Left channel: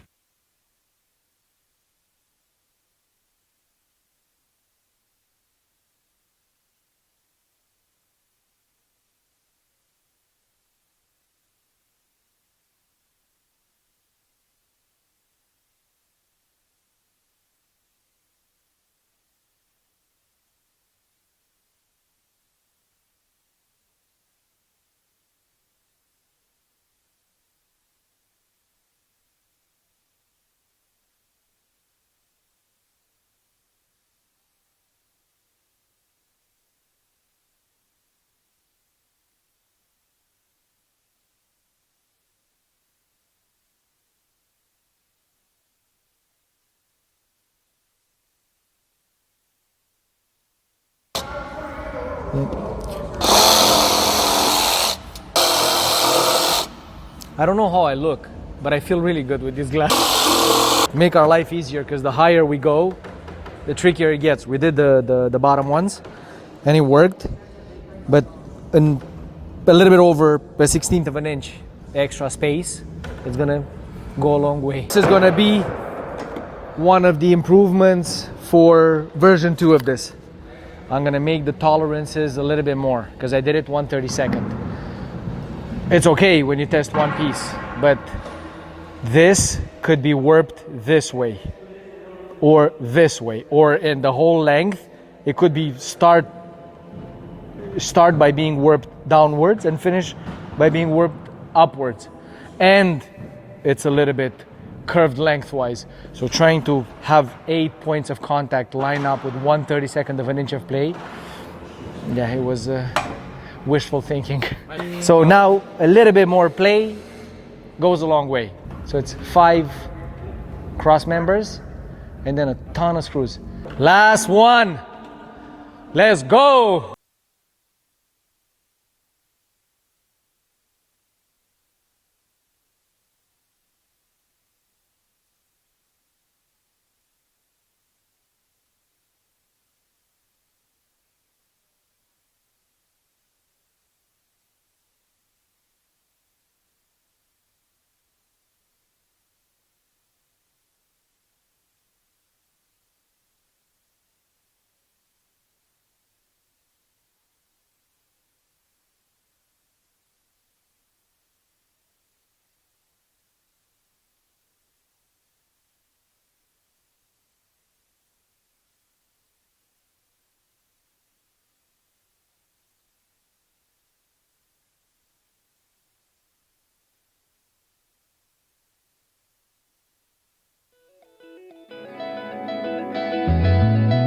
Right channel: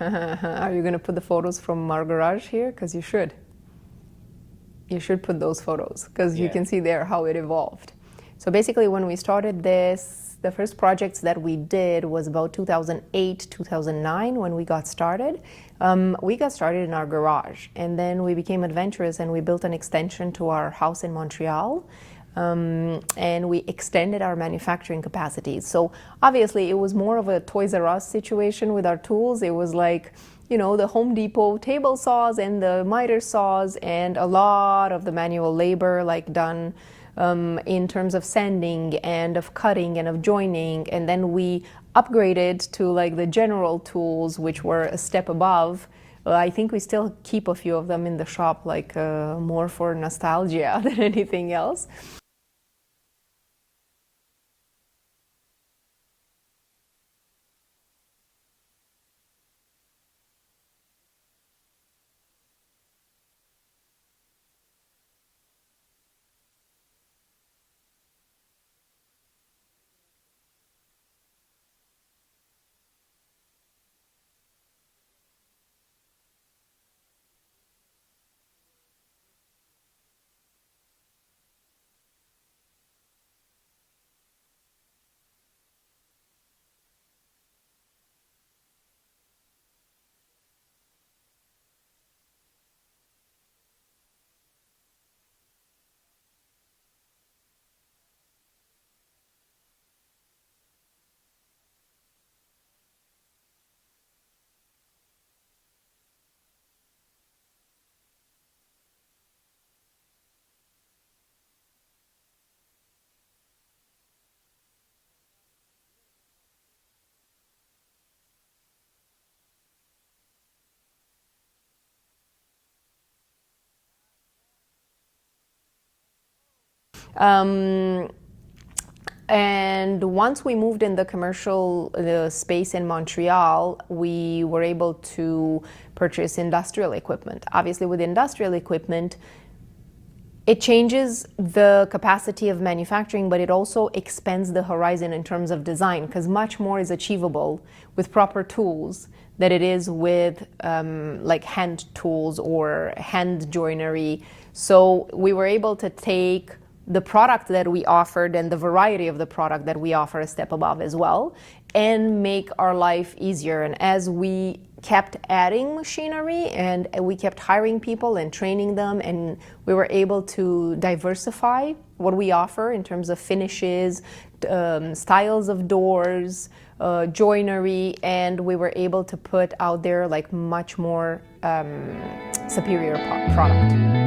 Are you going to put the photos from our garage here? Because you should. You should put those photos because you can see there how it evolved. So basically when we started this, the first projects that we did was about 2008, 2009 when we got started. We got started in our garage, and then we became adventurous and we built an extension to our house in Montreal. And we extended our manufacturing capacities. So obviously it was more of a Toys R Us situation with our tools. It was like, you know, the Home Depot table saws and the miter saws and a lot of the manual labor like done in terms of sanding and of cutting and of joining. And then we upgraded to like the general tools, which were a step above. I think we still keep a few of them in the shop, like more for nostalgia than anything else. I don't know how I look, but I feel really good with this glass. Make our life easier, because the higher we go, the trickier it gets. We did the bottom ones, and it worked, but in a little bit over a 1/16 of an inch extra space, it's gonna go a long way. This is gonna be one of the improvements for version 2 of this. I'm gonna make the tolerances a little bit more because I did it 1/32. It's okay when you test one piece, but this could be warped this way or this way, or in the whole length. It could be start by being warped downwards and finish by being warped upwards, and it's a little bit curved lengthwise. So trying to have 8 points of contact line up with 1/32 of an inch of play, yeah, it was wishful thinking. So now a little bit more play goes a long way. So it's 5 cross members and then a ton of screws. Last one. Let's go. And once we moved in the commercial space in Montreal, we were able to purchase industrial equipment. Obviously, with industrial equipment, it changes the capacity of manufacturing, but it also expands the horizon in terms of design, because much more is achievable with proper tools than it is with like hand tools or hand joinery. So we were able to take the product that we offered and the variety of the product that we offer a step above as well, and make our life easier. And as we kept adding machinery and we kept hiring people and training them, and we were able to diversify what we offer in terms of finishes, styles of doors, joinery, and we were able to put out there like much more superior product.